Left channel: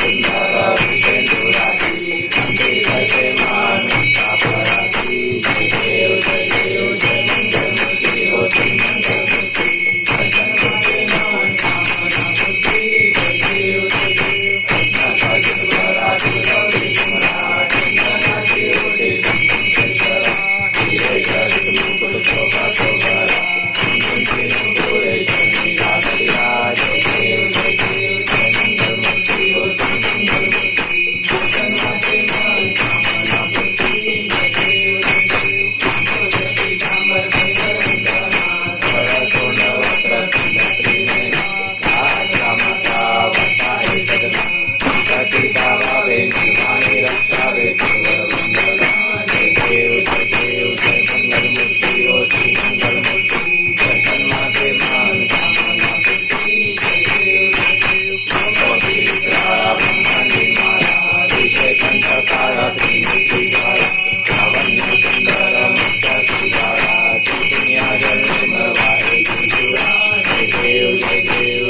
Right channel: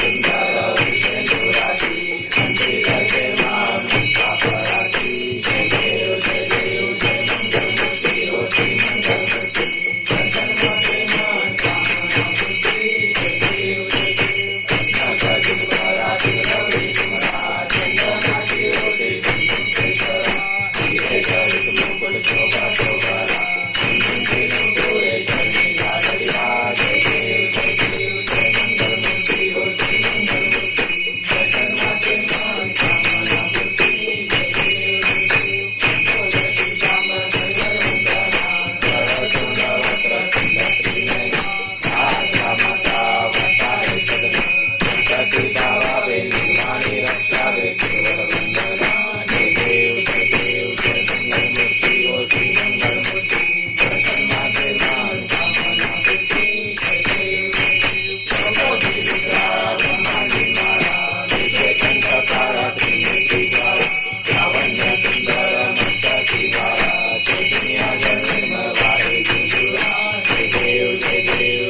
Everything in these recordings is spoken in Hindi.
सुंदर विषेंदुराती संगीत जय मान सती बाबा निर्वाणी रक्षा बे गुरुवर वंदना जय देव जय देव जय मंगल मूर्ति ओ श्री मंगल मूर्ति दर्शन माते मान कामना ब्रह्मांडी माया विषय कंठ त्रिमूर्ति द्वारा लावण्य सुंदर मस्तकी द्वारा दुनिया जल निर्मल जय देव जय देव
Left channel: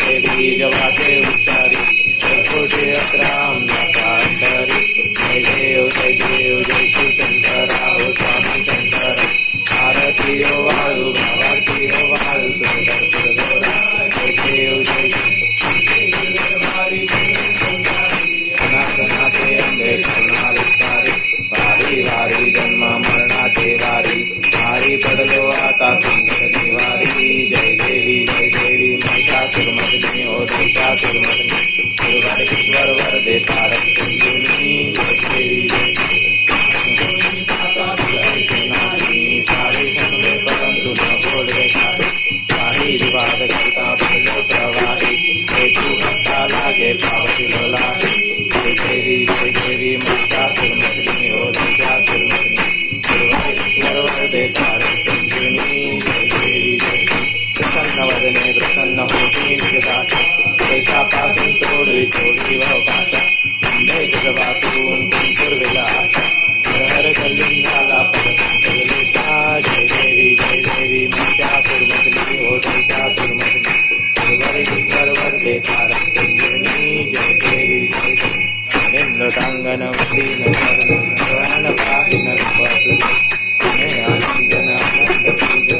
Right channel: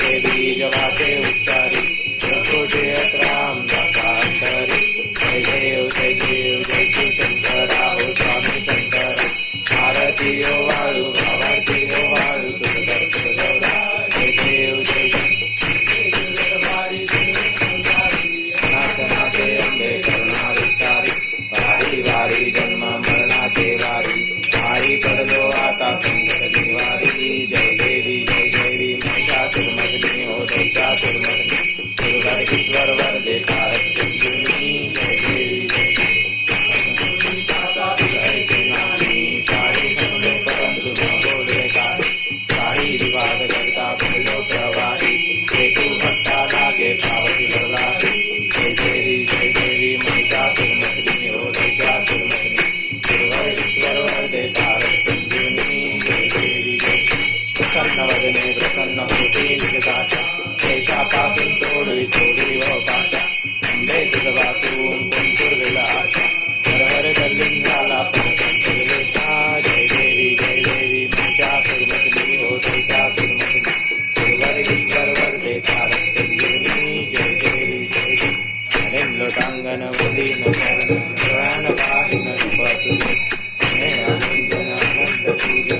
कोटीचे बीज उच्चारी कोटी अकराम नकांतरी जय देव जय देव जय शिव शंकरा हो, स्वामी शंकर। भारतीय वाळू भावार्थीय वाळू दुर्गपुर गौरा जय देव जय नाथे अंबे करुणा वारी वारी जन्म मरणाचे वारी वारी पडलो आता संकट बोलवे काही काही विवाद करता बदलो प्रवाही हेतू भक्ता लागे पावतिलो लाही जय देवी जय देवी महिषासुरमदनी ओ दैत्यासुरमदनी गुरुवार ईश्वर वरदे तारक प्रसन्न होती निजदाशा देशापासून तोडवी तोडी व पाशा अंबे तुझवातून कुंकुरविला आशा हर हर गल्लीन झाला परमेशा जय देवी जय देवी महिषासुरमदनी ओ दैत्यासुरमदनी गुरुवर ईश्वर वरदे तारक कुंजुनी जय देवी जय देवी लोटांगण उदीन शरण पाहिन रूप तुझे आनंदन आनंद पूजन